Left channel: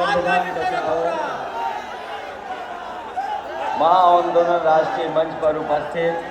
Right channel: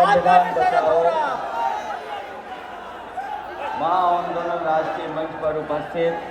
संविधान बचाओ महाआंदोलन राष्ट्रीय मंच पर उपस्थित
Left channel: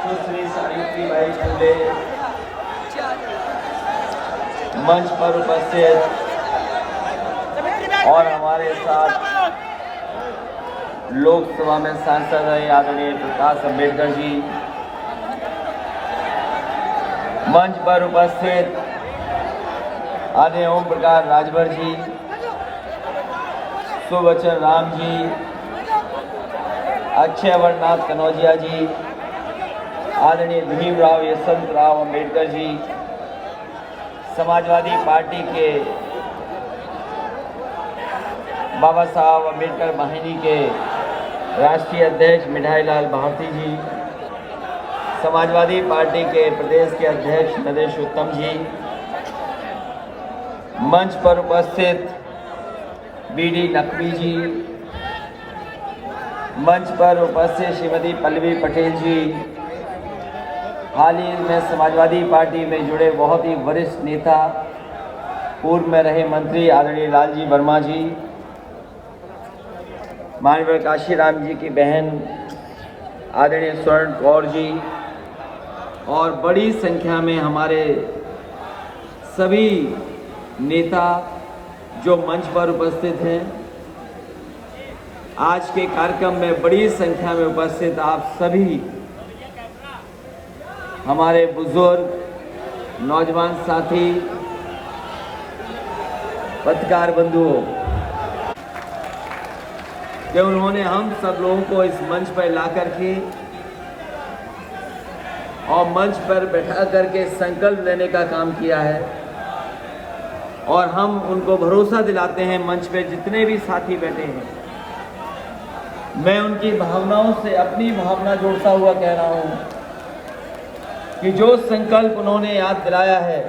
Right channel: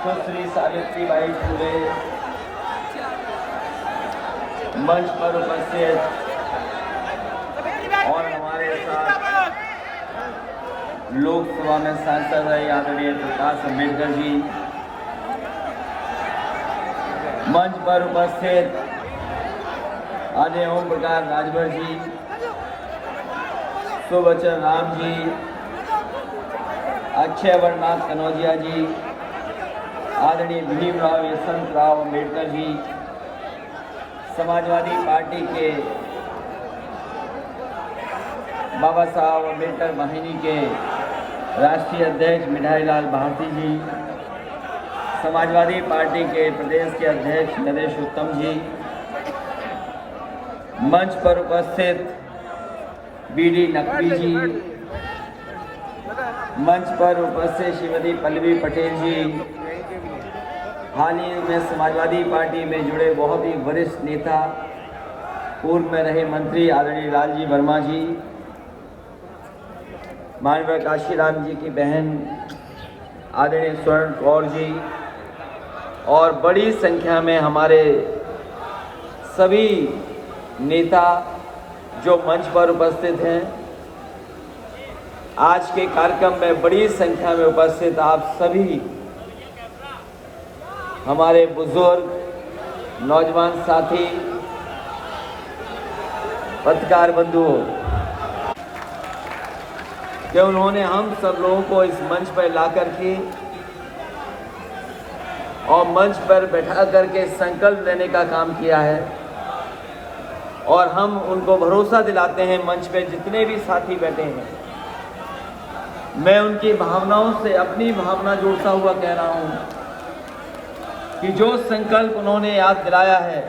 सुश्री सावित्रीबाई फुले, मंच पर उपस्थित और हमारे साथ लोकसभा में सांसद रहे आदरणीय प्रकाश अम्बेडकर जी, मंच पर उपस्थित आदरणीय ओम प्रकाश राजभर जी, सुबचन राम जी, अक्षय अमरनाथ कनौजिया जी, आदरणीय भीमराव यशवंतराव अम्बेडकर जी, समाजवादी पार्टी के बाबा साहब अम्बेडकर वाहिनी के राष्ट्रीय अध्यक्ष मिठाईलाल भारती जी, समाजवादी पार्टी के प्रदेश के अध्यक्ष नरेश उत्तम जी, मंच पर उपस्थित बीडी नकवी जी, मंच पर उपस्थित श्रीमती पल्लवी पटेल जी, हाल ही में समाजवादी पार्टी में जुड़े बहुत ही वरिष्ठ नेता पूर्व में रहे मंत्री आदरणीय लालजी वर्मा जी, माननीय काशीराम जी की बहन आदरणीय स्वर्ण कौर जी और बड़ी संख्या में हमारे सभी नेता जो मंच पर उपस्थित हैं। आज के कार्यक्रम में बड़ी संख्या में उपस्थित आप सभी हमारे बुजुर्ग, नौजवान साथी, पत्रकार बंधुओं, कि उन्होंने हम सब लोगों को इस मंच पर ला करके और मंच पर बैठा करके संकल्प लेने का काम किया है। और हम उनको भरोसा दिलाते हैं, मंच पे जितने भी साथी बैठे हैं, मैं उनकी भावनाओं से अपनी भावना जोड़ता हुआ कह रहा हूं कि जो संकल्प उन्होंने याद दिलाया है,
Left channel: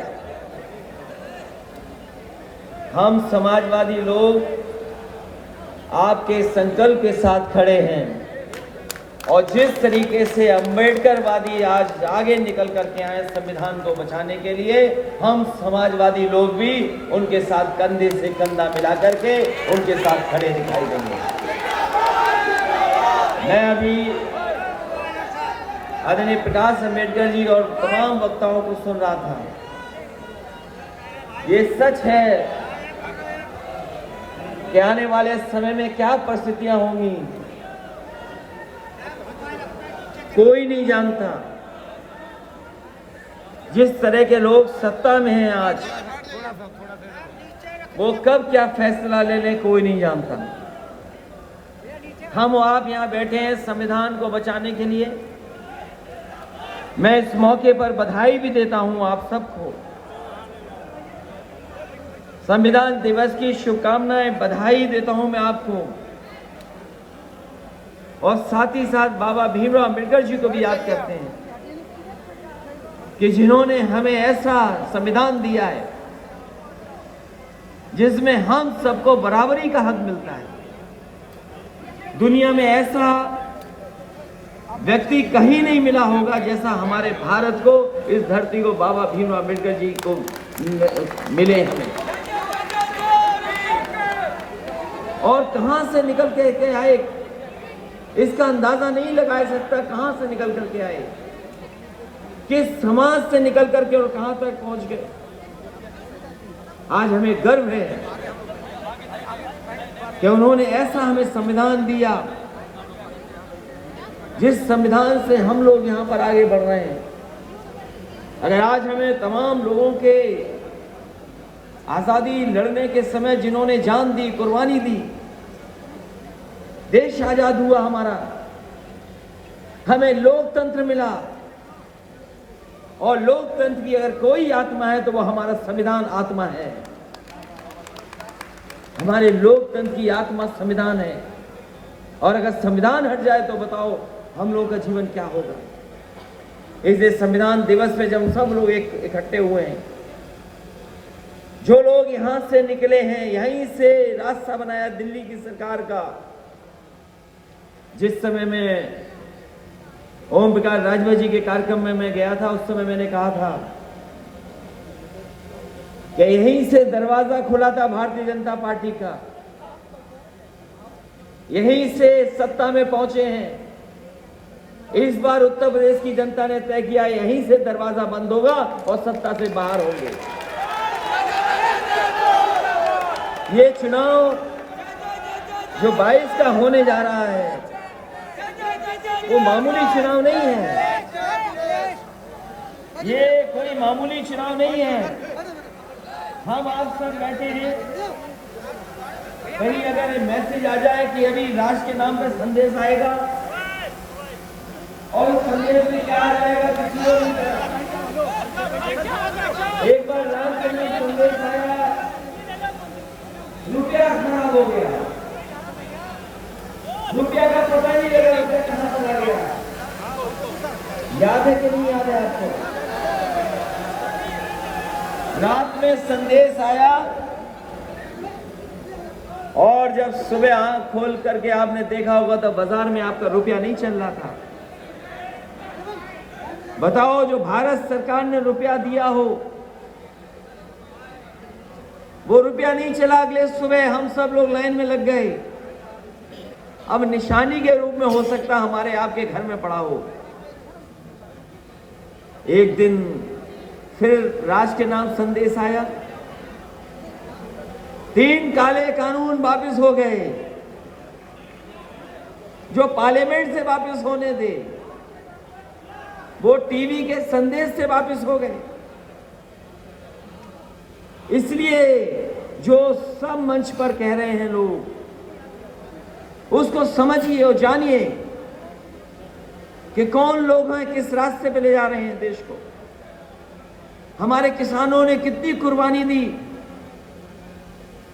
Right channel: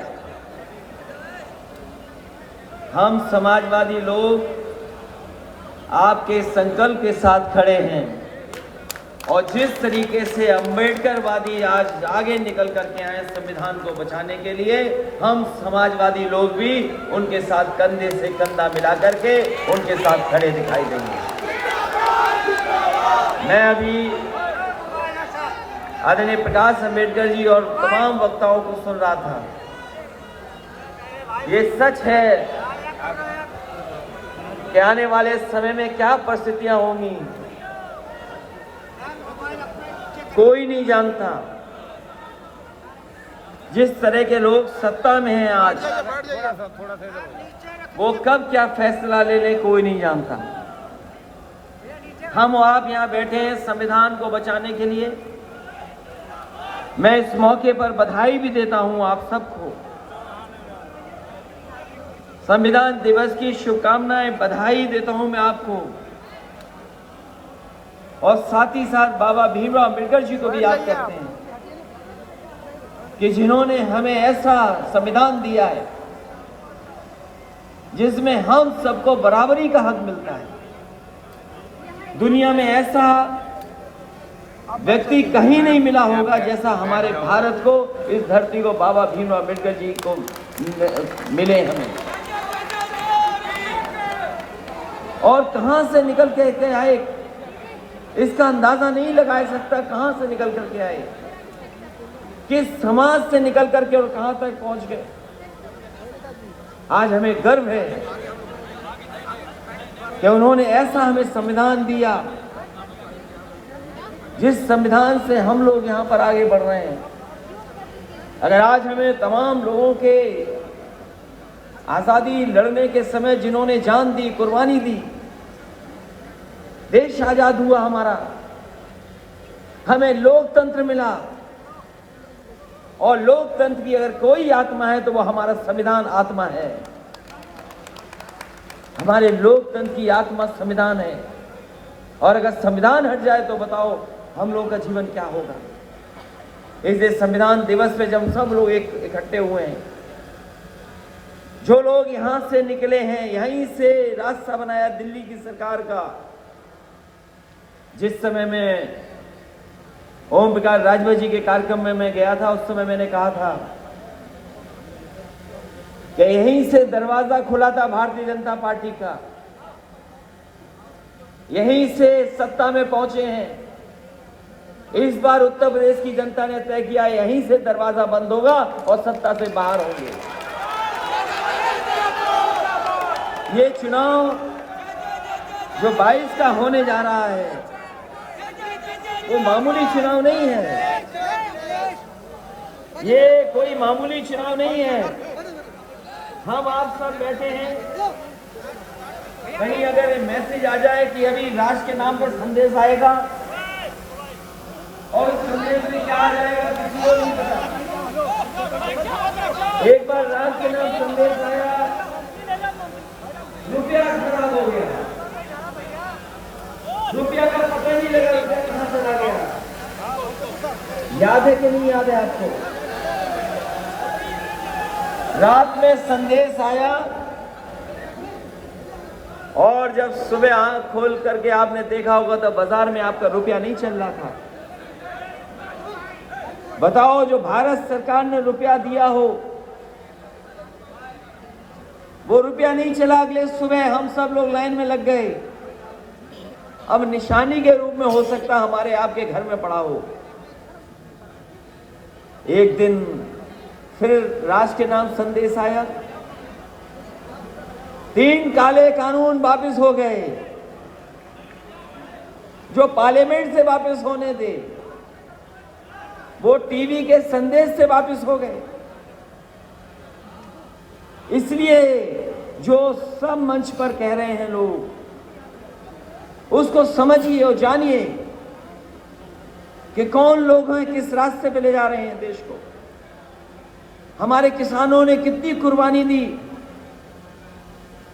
हम समाजवादी लोग आपके संकल्प के साथ खड़े हैं। और जिस तरीके से अम्बेडकरवादी आज आगे निकल करके आए संविधान को बचाने के लिए, हम समाजवादी लोग भी उनके साथ कंधे से कंधा मिला करके उनके साथ खड़े दिखाई देंगे। मैं अभी आदरणीय प्रकाश अम्बेडकर जी और तमाम वक्ताओं को सुन रहा था। ये सच है कि आने वाले समय में क्या परिस्थितियां होंगी कोई नहीं जानता। जिस तरह के लोग सत्ता में हैं आज, वो कब क्या फैसला ले ले कोई नहीं जानता। हम आप यहां बैठे हैं संविधान को बचाने के लिए। मैं इस मौके पर बधाई भी देता हूं आप सबको, संविधान दिवस की शुभकामनाएं, बधाई देता हूं मैं आपको। और साथ ही साथ बाबा भीमराव अम्बेडकर जी को भी याद करते हैं कि जिन्होंने हमें ऐसा संविधान दिया है जिसमें हम सबको बराबरी का हक मिलता है। दुनिया में ऐसा व्यक्ति कहीं नहीं मिला होगा जैसा हमारे भारत को, इस धरती को बाबा भीमराव अम्बेडकर जी को मिले हमें। और कहां से निकल के आए इसका अंदाजा नहीं लगाया सकता। कहां से निकल करके आए, किस समाज से निकल करके और कहां तक पहुंच गए। आज हमें गर्व है कि उन्होंने ऐसा हमें संविधान दिया जिस संविधान से हम लोग यहां पर आगे बढ़ रहे हैं। अगर आज हमें तमाम लोगों के आजादी लड़ने के समय जिन्होंने जान दी, कुर्बानी दी, देश आजाद हुआ हमारा, हमें लोकतंत्र मिला। और लोकतंत्र की अगर कोई आत्मा है तो वो हमारा संविधान आत्मा है। हमारे लोकतंत्र की आत्मा संविधान है। और अगर संविधान हट जाए तो बताओ हम लोग का जीवन क्या होगा। इसलिए संविधान दिवस पे जब सब लोग इकट्ठे हुए हैं, जो लोग यहां से निकले हैं, यहीं से रास्ता बनाया दिल्ली की सरकार का। जिस समय में ओम प्रकाश राजभर जी के कार्यक्रम में मैं गया था, उस समय मैंने कहा था कि यहीं से दरवाजा खुला था भारतीय जनता पार्टी का, यहीं से सत्ता में पहुंचे हैं। इस बार उत्तर प्रदेश की जनता ने तय किया यहीं से दरवाजा बंद होगा और सत्ता से बाहर होंगे। ये चुनाव जो 22 का होने जा रहा है वो मामूली चुनाव नहीं है, ये कोई मामूली चुनाव नहीं है। हम आप सब बैठे हैं, कहीं अगर मैसेज आ जाए कि अभी राष्ट्र के नाम पर संदेश आएगा और संदेश में क्या आ जाएगा किसी को नहीं पता। एक बार राष्ट्र के नाम संदेश आया, रुपया खराब हो गया, रुपया का पता नहीं लगा रुपया कहां चला गया। याद है कि नहीं याद है आपको? रात में संदेश आया और जब सुबह आंख खोल करके आपने देखा होगा तो बाजार में आपका रुपया नहीं चल रहा था। बताओ, जो भारत सरकार ने रुपया दिया हो वो रुपया नहीं चला। अगले सुबह हम सब लोग लाइन में लग गए। अब निशानी के रूप में हो सकता हमारे आपके घर में पड़ा हो। एक दिन फिर राष्ट्र के नाम संदेश आया, 3 काले कानून वापस हो गए जो पार्लियामेंट से वापस होने थे, वो टीवी के संदेश से वापस हो गए। इसलिए जो सब मंच पर कह रहे हैं लोग, उसको समझिए और जानिए कि कौन लोग हैं, किस रास्ते पे ले जा रहे हैं देश को। हमारे किसानों ने कितनी कुर्बानी दी,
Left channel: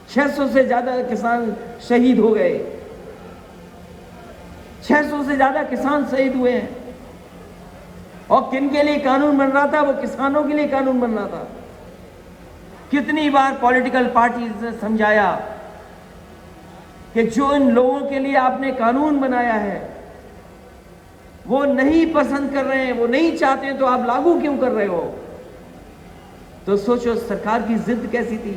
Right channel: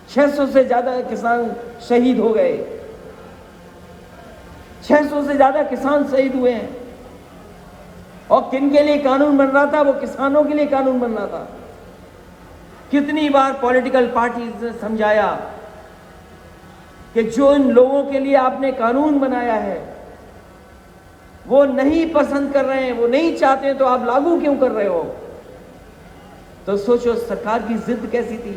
600 से ज्यादा किसान शहीद हो गए, 600 से ज्यादा किसान शहीद हुए हैं। और किन के लिए कानून बन रहा था? वो किसानों के लिए कानून बन रहा था। कितनी बार पॉलिटिकल पार्टी से समझाया कि जो इन लोगों के लिए आपने कानून बनाया है वो नहीं पसंद कर रहे हैं, वो नहीं चाहते, तो आप लागू क्यों कर रहे हो? तो सोचो सरकार की जिद कैसी थी।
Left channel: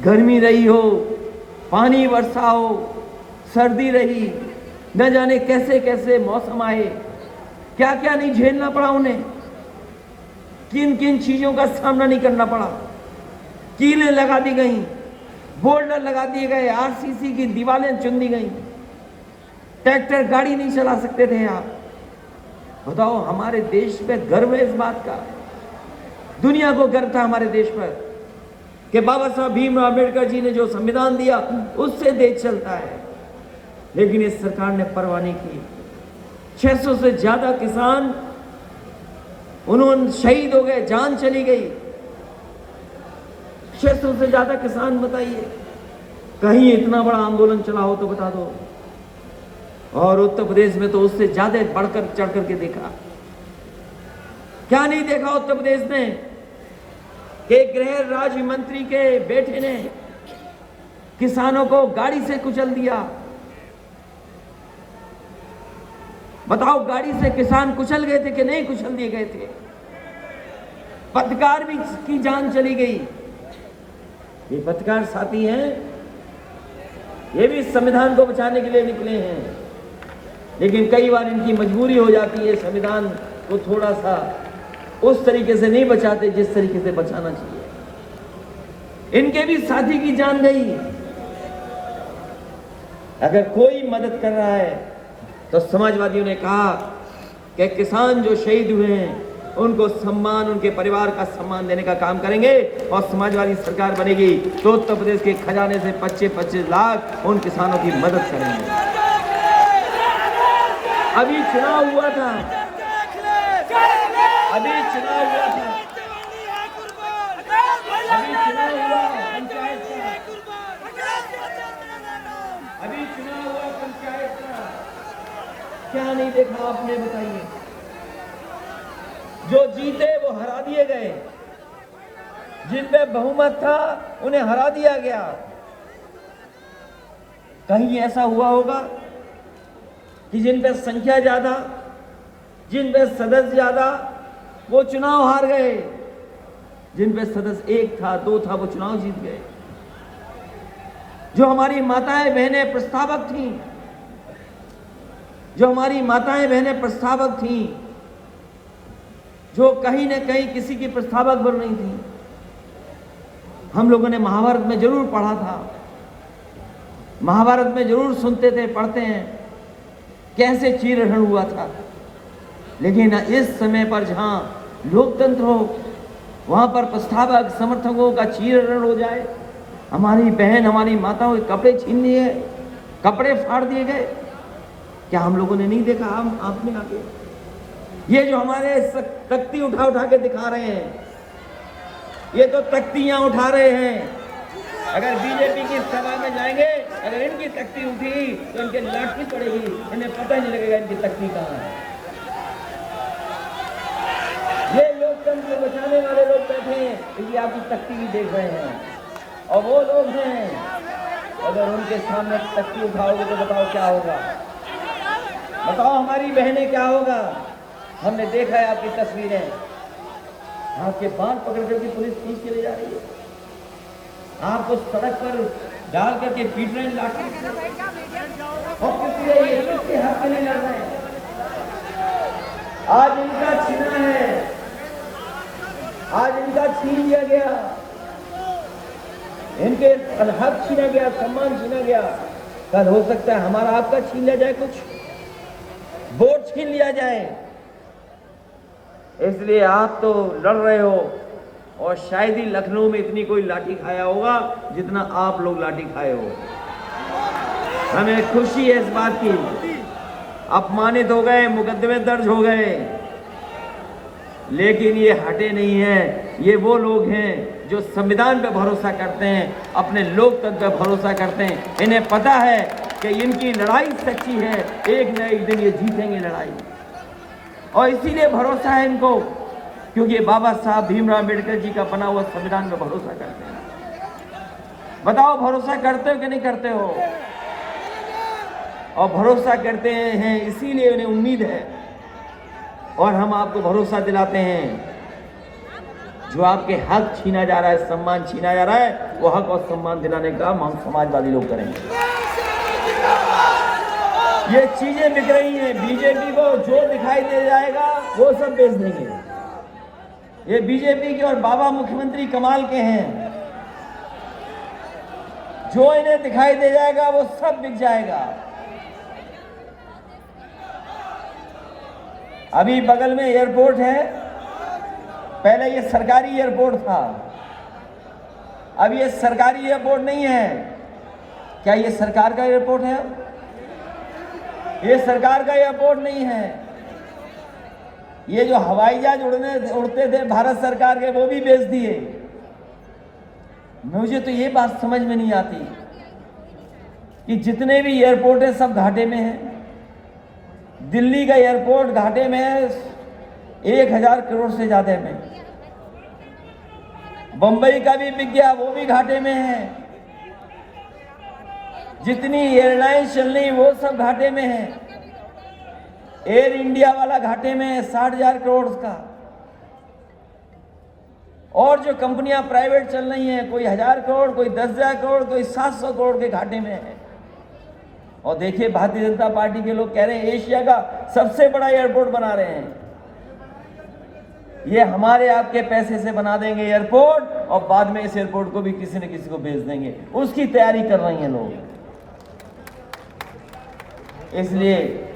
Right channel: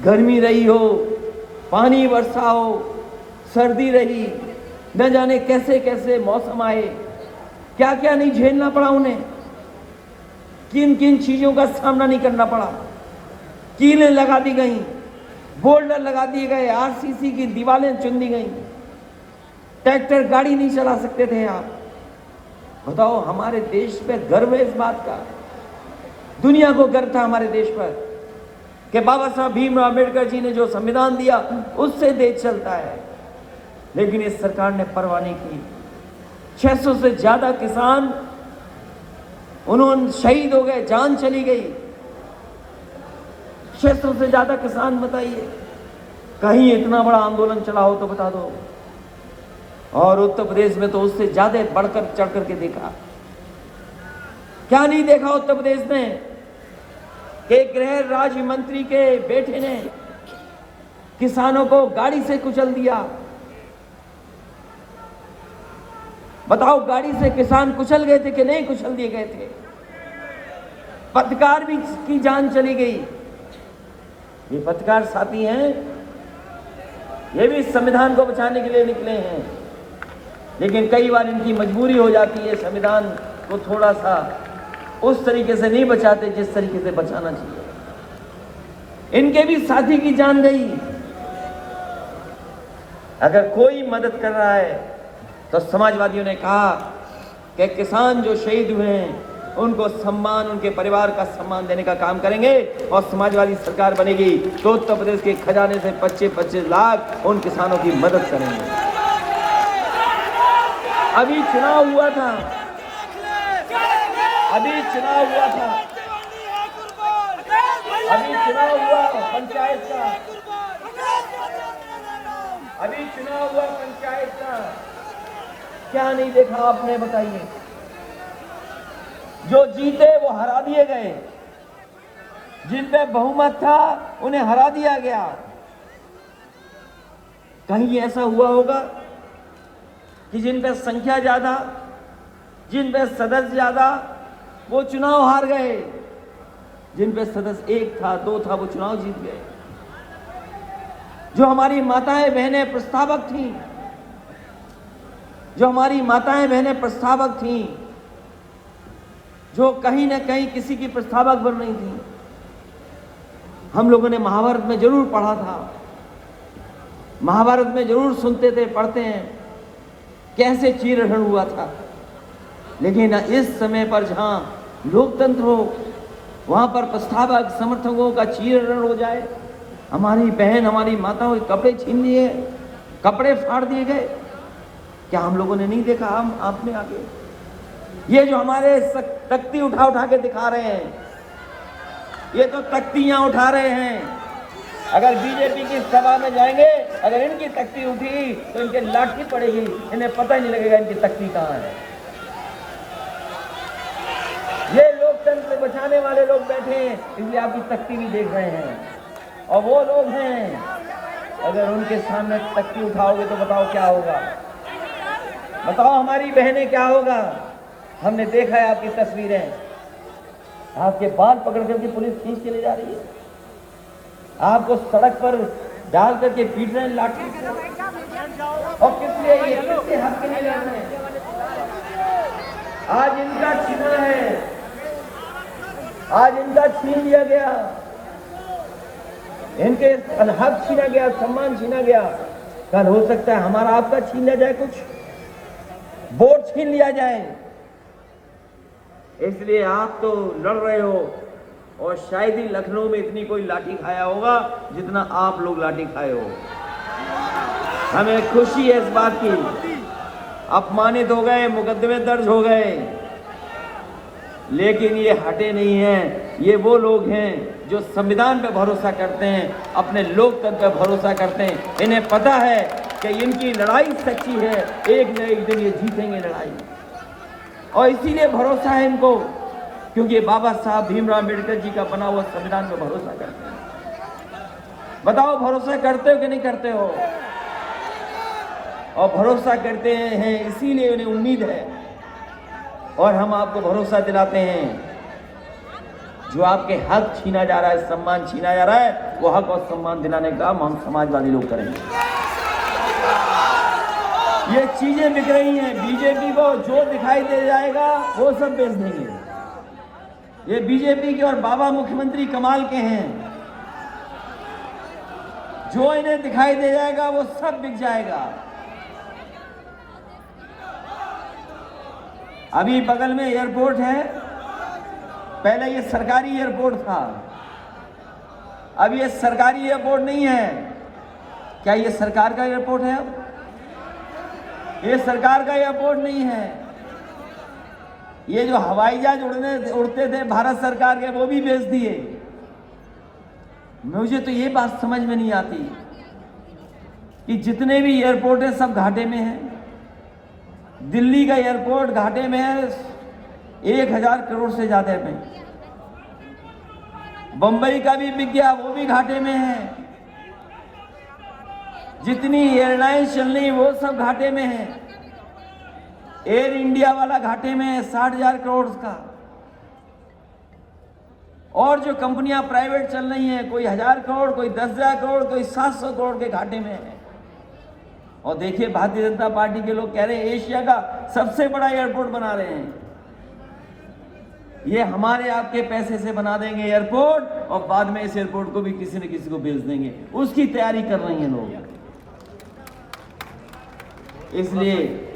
गर्मी रही हो, पानी वर्षा हो, सर्दी रही, न जाने कैसे कैसे मौसम आए, क्या क्या नहीं झेलना पड़ा उन्हें, किन किन चीजों का सामना नहीं करना पड़ा। कीलें लगा दी गई, बोल्डर लगा दिए गए, आरसीसी की दीवारें चुन दी गई, ट्रैक्टर गाड़ी नहीं चला सकते थे आप। बताओ, हमारे देश पे गर्व है इस बात का, दुनिया को गर्व था हमारे देश पर कि बाबा साहब भीमराव अम्बेडकर जी ने जो संविधान दिया उससे देश चलता है। लेकिन इस सरकार ने परवाह नहीं की। 600 से ज्यादा किसान उन्होंने शहीद हो गए, जान चली गई। 600 से ज्यादा किसान, बताइए, कहीं इतना बड़ा आंदोलन चला हो तो बता दो। और उत्तर प्रदेश में तो उससे ज्यादा बढ़कर चढ़कर के देखा। क्या नहीं देखा उत्तर प्रदेश में कि गृह राज्य मंत्री के बेटे ने किसानों को गाड़ी से कुचल दिया। बताओ, गाड़ी से किसान कुचल गए थे कि नहीं कुचल दिए गए थे? पत्रकार भी की जान चली गई। ये पत्रकार साथी हैं, ये भी संविधान को बचाने के लिए निकले हैं, लेकिन कई बार इनकी मजबूरी हो जाती है। संविधान को थोड़ा सा उस तरीके से नहीं बचाते जिस तरीके से बचाना चाहिए। इनके भी साथी की जान गई। अगर कोई मदद कर रहा है तो समाजवादियों ने कहा कि किसान जो शहीद हुए हैं उनको सम्मान, उनके परिवार का सम्मान देने का काम करेंगे। और समाजवादी सरकार बनेगी तो उत्तर प्रदेश के खजाने से 25-25 लाख उन किसानों की मदद करेंगे। अभी चुनाव हुआ था, अभी चुनाव हुआ पंचायत का, अभी चुनाव हुआ पंचायत का। क्या नहीं देखा आपने, बताइए? जो जीते वो हरा दिए गए, जिन पे बहुमत था उन्हें हरा दिया गया। कहीं ऐसा हुआ होगा कि जिन पे संख्या ज्यादा, जिन पे सदस्य ज्यादा, वो चुनाव हार गए? जिन पे सदस्य 1 था 2 था वो चुनाव जीत गए। जो हमारी माताएं बहनें प्रस्तावक थी, जो हमारी माताएं बहनें प्रस्तावक थी, जो कहीं ना कहीं किसी की प्रस्तावक बन रही थी। हम लोगों ने महाभारत में जरूर पढ़ा था, महाभारत में जरूर सुनते थे, पढ़ते हैं कैसे चीरहरण हुआ था। लेकिन इस समय पर जहां लोकतंत्र हो वहां पर प्रस्तावक समर्थकों का चीरहरण हो जाए, हमारी बहन हमारी माताओं के कपड़े छीन लिए, कपड़े फाड़ दिए गए, क्या हम लोगों ने नहीं देखा? हम आपने आगे ये जो हमारे तख्ती उठा उठा के दिखा रहे हैं, ये तो तख्तियां उठा रहे हैं। अगर बीजेपी की सभा में जाएंगे, अगर इनकी तख्ती उठी तो इनके लाठी पड़ेगी, इन्हें पता ही नहीं लगेगा इनकी तख्ती कहां है। ये लोकतंत्र को बचाने वाले लोग बैठे हैं, इसलिए आपकी तख्ती भी देख रहे हैं। और वो लोग हैं, अगर उनके सामने तख्ती उठाओगे तो बताओ क्या होगा? बताओ हमारी बहनें क्या होगा? हमने देखा है आपकी तस्वीरें, आपके बाल पकड़ करके पुलिस खींच के ले जा रही है, आपको सड़क पर डाल करके पीट रहे हैं लाठी, और किसके हक के लिए लड़ रहे हैं? आज इनका छीना है, आज इनका छीन लिया गया, इनके हक छीना गया, सम्मान छीना गया। कल हो सकता है हमारा आपका छीन लिया जाए, कुछ वोट छीन लिया जाए। इसलिए आप तो लड़ रहे हो, और शायद ही लखनऊ में इतनी कोई लाठी खाया होगा जितना आप लोग लाठी खाए हो। हमें खुशी है इस बात की, अपमानित हो गए, मुकदमे दर्ज हो गए, लेकिन ये हटे नहीं है। ये वो लोग हैं जो संविधान पे भरोसा करते हैं, अपने लोकतंत्र पे भरोसा करते हैं। इन्हें पता है कि इनकी लड़ाई सच्ची है, एक न एक दिन ये जीतेंगे लड़ाई, और इसीलिए भरोसा है इनको, क्योंकि बाबा साहब भीमराव अम्बेडकर जी का बना हुआ संविधान पे भरोसा करते हैं। बताओ भरोसा करते हो कि नहीं करते हो? और भरोसा करते हैं इसीलिए उन्हें उम्मीद है, और हम आपको भरोसा दिलाते हैं जो आपके हक छीना जा रहा है, सम्मान छीना जा रहा है, वो हक और सम्मान दिलाने का काम हम समाजवादी लोग करेंगे। ये चीजें बिक रही हैं, बीजेपी को जो दिखाई दे जाएगा वो सब बेच देंगे। ये बीजेपी के और बाबा मुख्यमंत्री कमाल के हैं, जो इन्हें दिखाई दे जाएगा वो सब बिक जाएगा। अभी बगल में एयरपोर्ट है, पहले ये सरकारी एयरपोर्ट था, अब ये सरकारी एयरपोर्ट नहीं है। क्या ये सरकार का एयरपोर्ट है? ये सरकार का एयरपोर्ट नहीं है। ये जो हवाई जहाज उड़ते थे भारत सरकार के, वो भी बेच दिए। मुझे तो ये बात समझ में नहीं आती कि जितने भी एयरपोर्ट है सब घाटे में है। दिल्ली का एयरपोर्ट घाटे में है 1000 करोड़ से ज्यादा में, बंबई का भी बिक गया, वो भी घाटे में है। जितनी एयरलाइन चल रही वो सब घाटे में है। एयर इंडिया वाला घाटे में है 60,000 करोड़ का, और जो कंपनियां प्राइवेट चल रही हैं, कोई 1000 करोड़, कोई 10,000 करोड़, कोई 700 करोड़ के घाटे में है। और देखिए भारतीय जनता पार्टी के लोग कह रहे हैं एशिया का सबसे बड़ा एयरपोर्ट बना रहे हैं। ये हमारे आपके पैसे से बना देंगे एयरपोर्ट, और बाद में इस एयरपोर्ट को भी किसी न किसी को बेच देंगे, उसकी तैयारी कर रही हैं लोग। इसलिए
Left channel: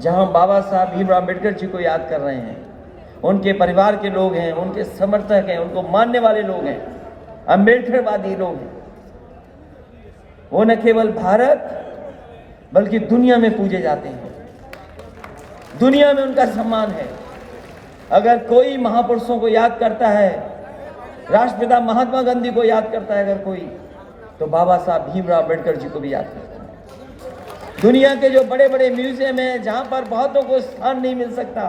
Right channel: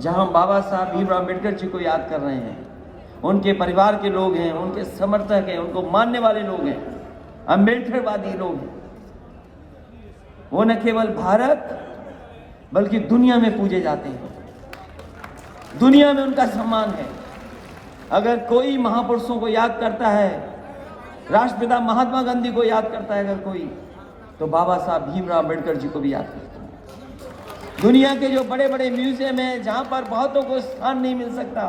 जहां बाबा साहब भीमराव अम्बेडकर जी को याद कर रहे हैं, उनके परिवार के लोग हैं, उनके समर्थक हैं, उनको मानने वाले लोग हैं, अम्बेडकरवादी लोग हैं, वो न केवल भारत बल्कि दुनिया में पूजे जाते हैं, दुनिया में उनका सम्मान है। अगर कोई महापुरुषों को याद करता है, राष्ट्रपिता महात्मा गांधी को याद करता है अगर कोई, तो बाबा साहब भीमराव अम्बेडकर जी को भी याद करता है। दुनिया के जो बड़े बड़े म्यूजियम हैं, जहां पर बहुतों को स्थान नहीं मिल सकता,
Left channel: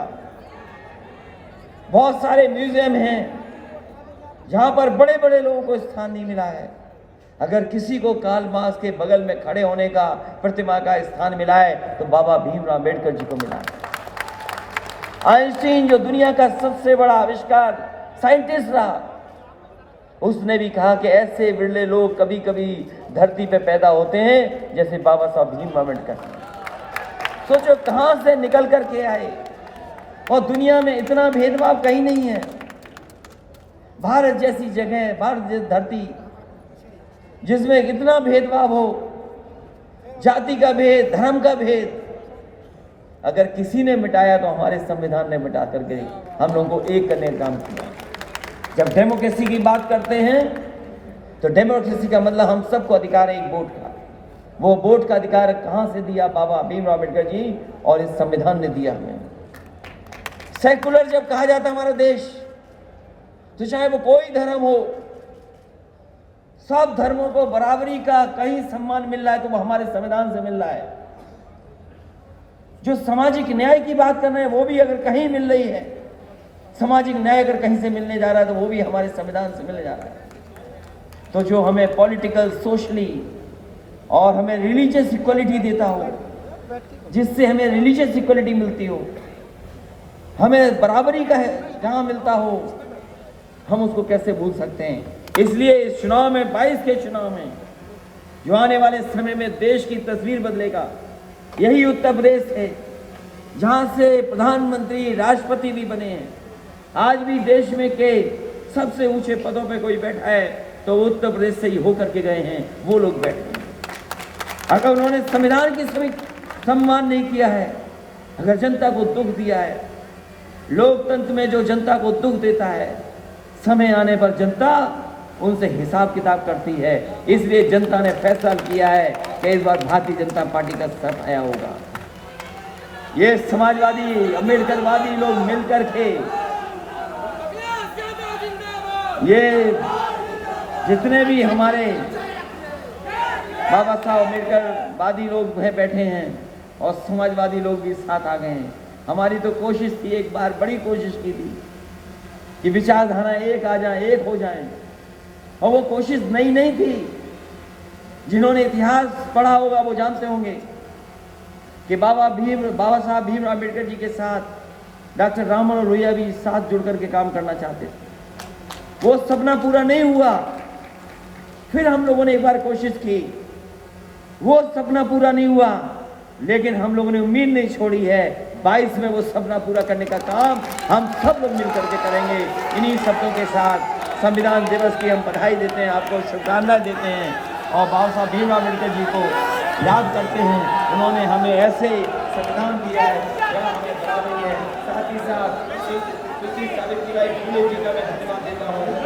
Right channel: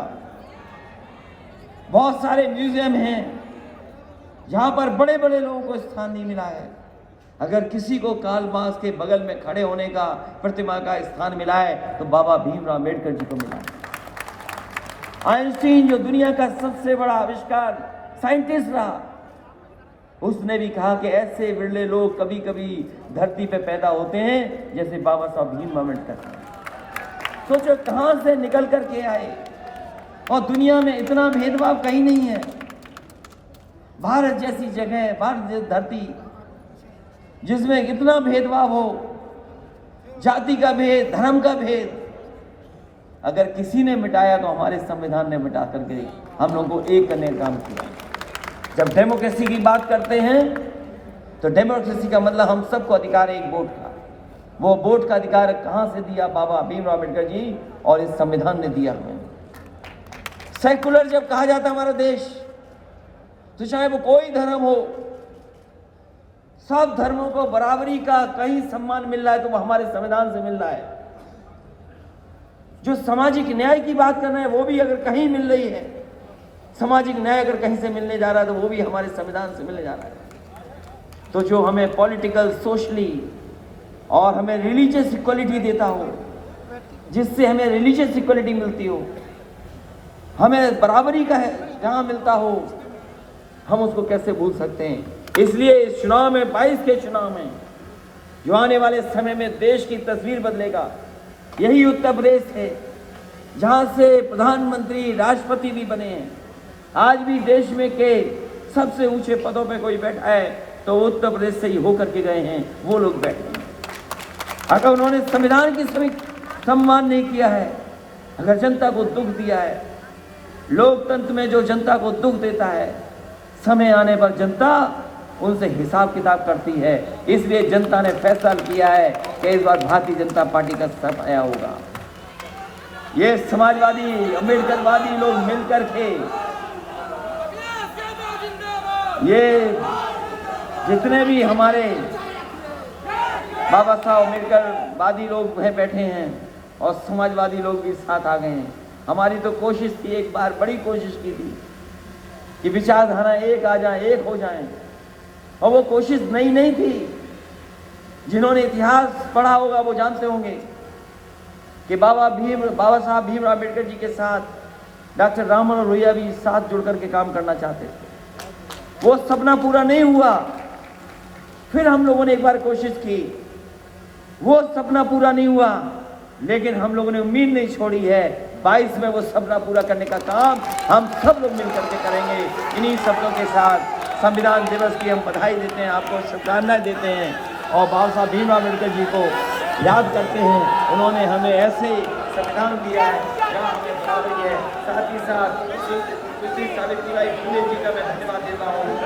बहुत सारे म्यूजियम हैं जहां पर बड़े बड़े लोगों को स्थान नहीं मिला है, अगर किसी को कार्ल मार्क्स के बगल में खड़े होने का, प्रतिमा का स्थान मिला है, तो बाबा भीमराव अम्बेडकर जी को मिला है। आइंस्टीन जो दुनिया का सबसे बड़ा आविष्कार साइंटिस्ट रहा, उसने भी कहा कि ऐसे विरले लोग कभी कभी धरती पे पैदा होते हैं जैसे बाबा साहब भीम अम्बेडकर। सोचो कहां से निकल कर के आए, और दुनिया में इतना भेदभाव कहीं नहीं है। भारत जैसी जगह, भारत जैसी धरती जिसमें इतना भेदभाव हो, जाति का भेद, धर्म का भेद, अगर किसी ने मिटाया तो हमारे संविधान ने मिटा करके हम लोगों को एक करने का काम किया। जब डेमोक्रेसी की बात करते हैं तो डेमोक्रेसी का मतलब हम सबको अधिकार है एक वोट का। वो वोट का अधिकार कहां से दिया? बाबा भीमराव अम्बेडकर जी और इस संविधान ने दिया हमें। सेकुलर जब कहा जाता है हमारा देश, तो चाहे वो कोई धर्म हो, सब धर्मों को बराबरी का कहीं सम्मान मिल रहा है तो वो हमारे संविधान से मिल रहा है। जो सामाजिक न्याय की बात कर रहे हैं वो भी अगर कहीं मिल रही है, सामाजिक न्याय अगर कहीं से मिलने जा रहा है तो वो भी हमारे संविधान से मिलने जा रहा है। तो जो हमें पॉलिटिकल, सोशली और हमें रिलीजियस इक्वलिटी देता हो, जिससे हमें रिलीजियस इक्वलिटी मिलती हो, हमें बराबरी का जहां मिलता हो, हम उसको कैसे भूल सकते हैं। इसलिए इस चुनाव में, 22 के चुनाव में, जो आने वाले समय में देश की तस्वीर बदलेगा, यही उत्तर प्रदेश है जहां से प्रधानमंत्री, राष्ट्रपति भी बने हैं। आज भी देश में के सबसे ऊंचे पदों पे कोई बैठा है तो उत्तर प्रदेश से ही होकर के गए हैं, वो लोग बैठे हैं। अगर उन्होंने संविधान की सम्मान नहीं किया है, अगर जनता को दुख दिया है, लोकतंत्र में जो जनता को दुख देता है, समय आने पर जनता उनसे हिसाब किताब करती है। इसलिए जनता ने फैसला किया है कि इस बार भारतीय जनता पार्टी का सफाया होगा। ये समाजवादी, अम्बेडकरवादी लोग मिलकर के, ये जितने भी हमारे बाबा साहब अम्बेडकरवादी लोग बैठे हैं और समाजवादी लोग भी साथ आ गए हैं। हमारी तो कोशिश थी, एक बार बड़ी कोशिश की थी कि विचारधारा एक आ जाए, एक हो जाए, और वो कोशिश नई नहीं थी। जिन्होंने इतिहास पढ़ा होगा वो जानते होंगे कि बाबा साहब भीमराव अम्बेडकर जी के साथ डॉक्टर राममनोहर लोहिया भी साथ जुड़ करके काम करना चाहते थे। वो सपना पूरा नहीं हुआ। फिर हम लोगों ने एक बार कोशिश की, वो सपना पूरा नहीं हुआ, लेकिन हम लोगों ने उम्मीद नहीं छोड़ी है। 22 में वो सपना पूरा करने का काम हम सब लोग मिलकर के करेंगे। इन्हीं शब्दों के साथ संविधान दिवस की हम बधाई देते हैं, आपको शुभकामनाएं देते हैं और बाबा साहब भीमराव अम्बेडकर जी को याद करते हैं। उन्होंने हमें ऐसे संविधान दिया है जहाँ हमें बराबरी है। साथ ही साथ सावित्रीबाई फुले जी का मैं धन्यवाद देता हूँ।